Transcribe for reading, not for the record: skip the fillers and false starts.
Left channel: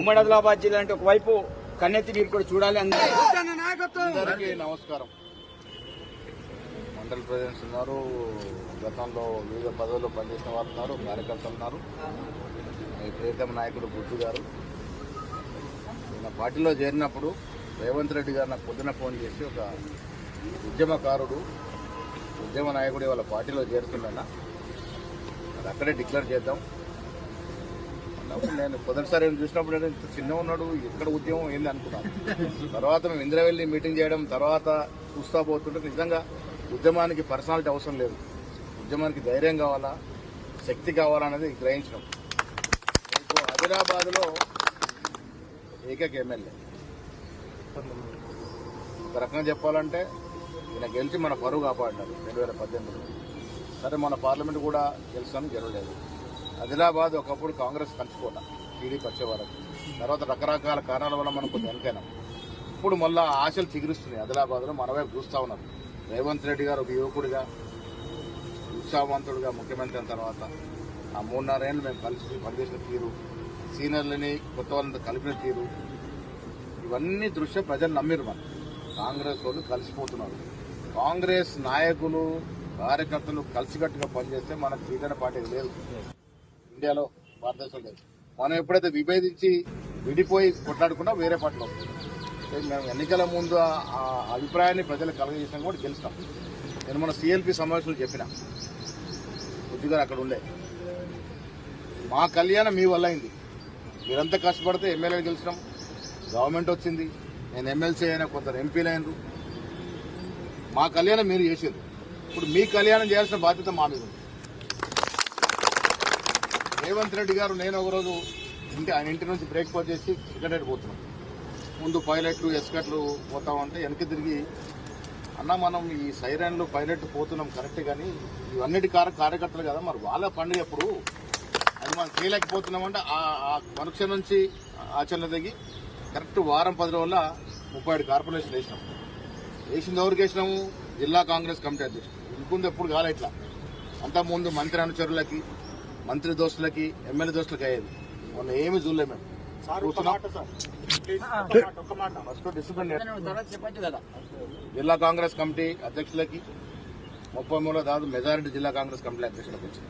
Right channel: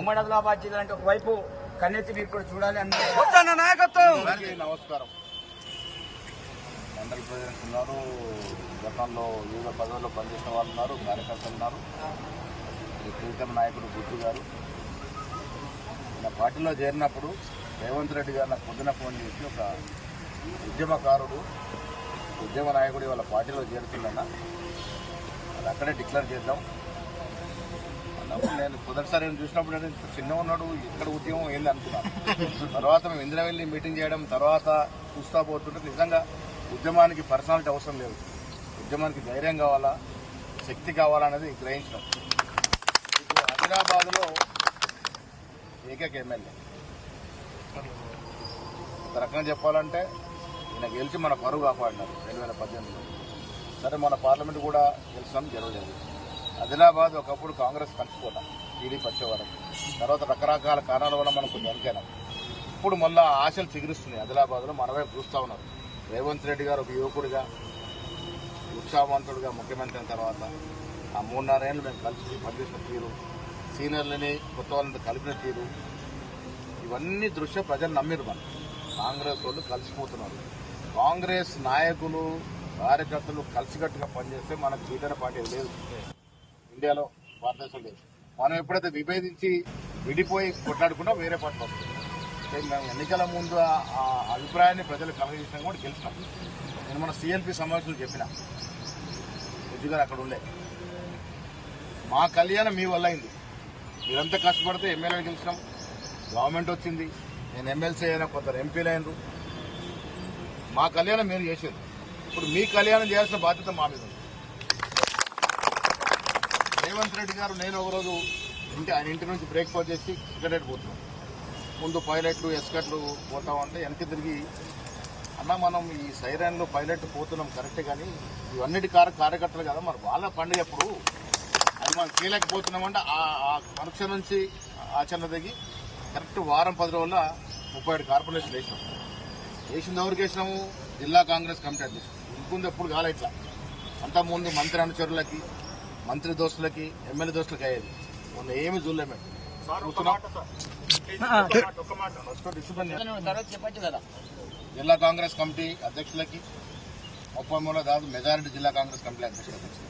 ఉమ్మడి ఆదిలాబాద్ జిల్లా అంటే ఒకవైపు కన్నెత్తి మీరు కూడా చూడాలి. నమస్కారం. మండల ప్రెసిడెంట్స్ ఉన్నారు, గతంలో వివిధ పదవుల్లో పనిచేసిన వాళ్ళు ఉన్నారు, కార్యకర్తలు ఉన్నారు. ప్రీతమ నాయకుడు బుద్ధు గారు నా పార్టీలో చేరినప్పుడు రేవంత్ రెడ్డి గారు నాకు పొద్దున ఫోన్ చేసి ఒక ఉద్యమకారుడు, ఉద్యమ నాయకుడు వాళ్ళ పార్టీలో చేరుతున్నా, అది అక్కడే డిక్లేర్ చేద్దాం అన్నప్పుడు నేను మొదటిసారి చూసినప్పుడు నేను చిన్న ఉన్నాడు, ఎక్కడ ఉద్యమం ఏంది అనుకున్నాను. తర్వాత మేము ఇంద్రవెల్లి మీటింగ్ చేయడం, తర్వాత చూస్తా పోతుంటే నిజంగా ఉద్యమానికి పర్సనాలిటీ అవసరం లేదు, ఉద్యమానికి ధైర్యం కావాలా, శక్తి కావాలా అనేది గ్రహించడం. ఇప్పుడు ఆదిలాబాద్లో ఏకైక ఎమ్మెల్యే ఒక రకంగా చెప్పాలంటే ఈయన గెలిచి మన పరువు కాపాడినారు 2018లో. సరే మన పార్లమెంట్ కూడా గెలుస్తాను, గెలవలేదు. ఆదిలాబాద్ ఒకప్పుడు కాంగ్రెస్ కంచుకోట, టీడీపీ వచ్చేవారం. తర్వాత రకరకాల కారణాల వల్ల మనం కొంచెం వెనకైనాం. ఇప్పుడు మళ్ళా ఆశలు చిగురిస్తున్నాయి. ఆదిలాబాద్లో మన వైపు చూస్తూ ఉన్నారు. రేవంత్ రెడ్డి గారు ఒక యువకుడిగా, ఉత్సాహవంతుడిగా ముఖ్యమంత్రి అయిన తర్వాత ఆ 3-4 ఏళ్ళు మేము కలిసి పనిచేసిన తీరు, సీనియర్లని కొత్త వాళ్ళని కలిపిన తీరు, ఇవన్నీ దృష్ట్యా ప్రజలు నమ్మిరు. మనం కాంగ్రెస్ వాళ్ళు కలిసిపోతున్నారు. కాంగ్రెస్ నాయకులు, కార్యకర్తలు కలిసికట్టుగా పనిచేస్తే మనకు జీవన పార్టీ లేదు, ఇండియాలో భారతదేశం లేదు. మనం ఎప్పుడైతే విభేదించి విడిపోయి కొట్లాడుకున్నా వేరే పార్టీలు వస్తుంది. మేము ఎన్నికల ముందు ఆ అభిప్రాయాన్ని ప్రజలు కలగజేసినా కూడా గెలిచినాం. నేను మన సిఎల్పి సమావేశంలో చెప్పిన బుద్ధి గారు అక్కడ ఉండే, మా కళ్యాణం మీ వల్ల అయింది. మీరంతా కష్టపడితే ఎమ్మెల్యేలు గెలిచినాం, గవర్నమెంట్ వచ్చింది, నేను ఎమ్మెల్సీ అయినా, కొందరు ఎంపీలు అయినరు. మా కళ్యాణం మీరు చేసేది, ఇప్పుడు మీ కళ్యాణం చేయాల్సిన బాధ్యత మా మీద ఉంది. రేవంత్ రెడ్డి గారు నేను ఒకరోజు ఆయన ఇంటి నుంచి బ్రేక్ఫాస్ట్ చేసి సెక్రటరీ పోతున్నాం. ముందు పైలట్లు, ఎస్కట్లు పోతా ఉంటే వెనక్కి తిరిగి, అన్న మనం ఈ సైరన్లు పైలట్లు పోతున్నాం కరెక్ట్, కానీ ఇవన్నిటి కార్యకర్తలు కదా, మరి వాళ్ళ పండుగ ఎప్పుడు అది మనం చేయలేకపోతున్నామంటే ఆ పరీక్ష నుంచి ఆచరణ దిగి కరెక్ట్ వారం 10 రోజుల 37 కార్పొరేషన్ వేసినాం. వేసింది ఎవరికి వేసినాము? జిల్లా కాంగ్రెస్ కమిటీ అధ్యక్షుడు. ఇంకొంది ఎప్పుడు కాలే ఇట్లా. అంతకుముందు మంత్రి అనుచరులకి, మంత్రి దోస్తులకి, ఎమ్మెల్యే దోస్తులకి అయ్యేది. మొన్న ఏమి చూడలేము మేము. జిల్లా కాంగ్రెస్ కమిటీ అధ్యక్షులకి 33 దాదాపు మెజారిటీ జిల్లా కాంగ్రెస్ కమిటీ అధ్యక్షులకు వచ్చింది.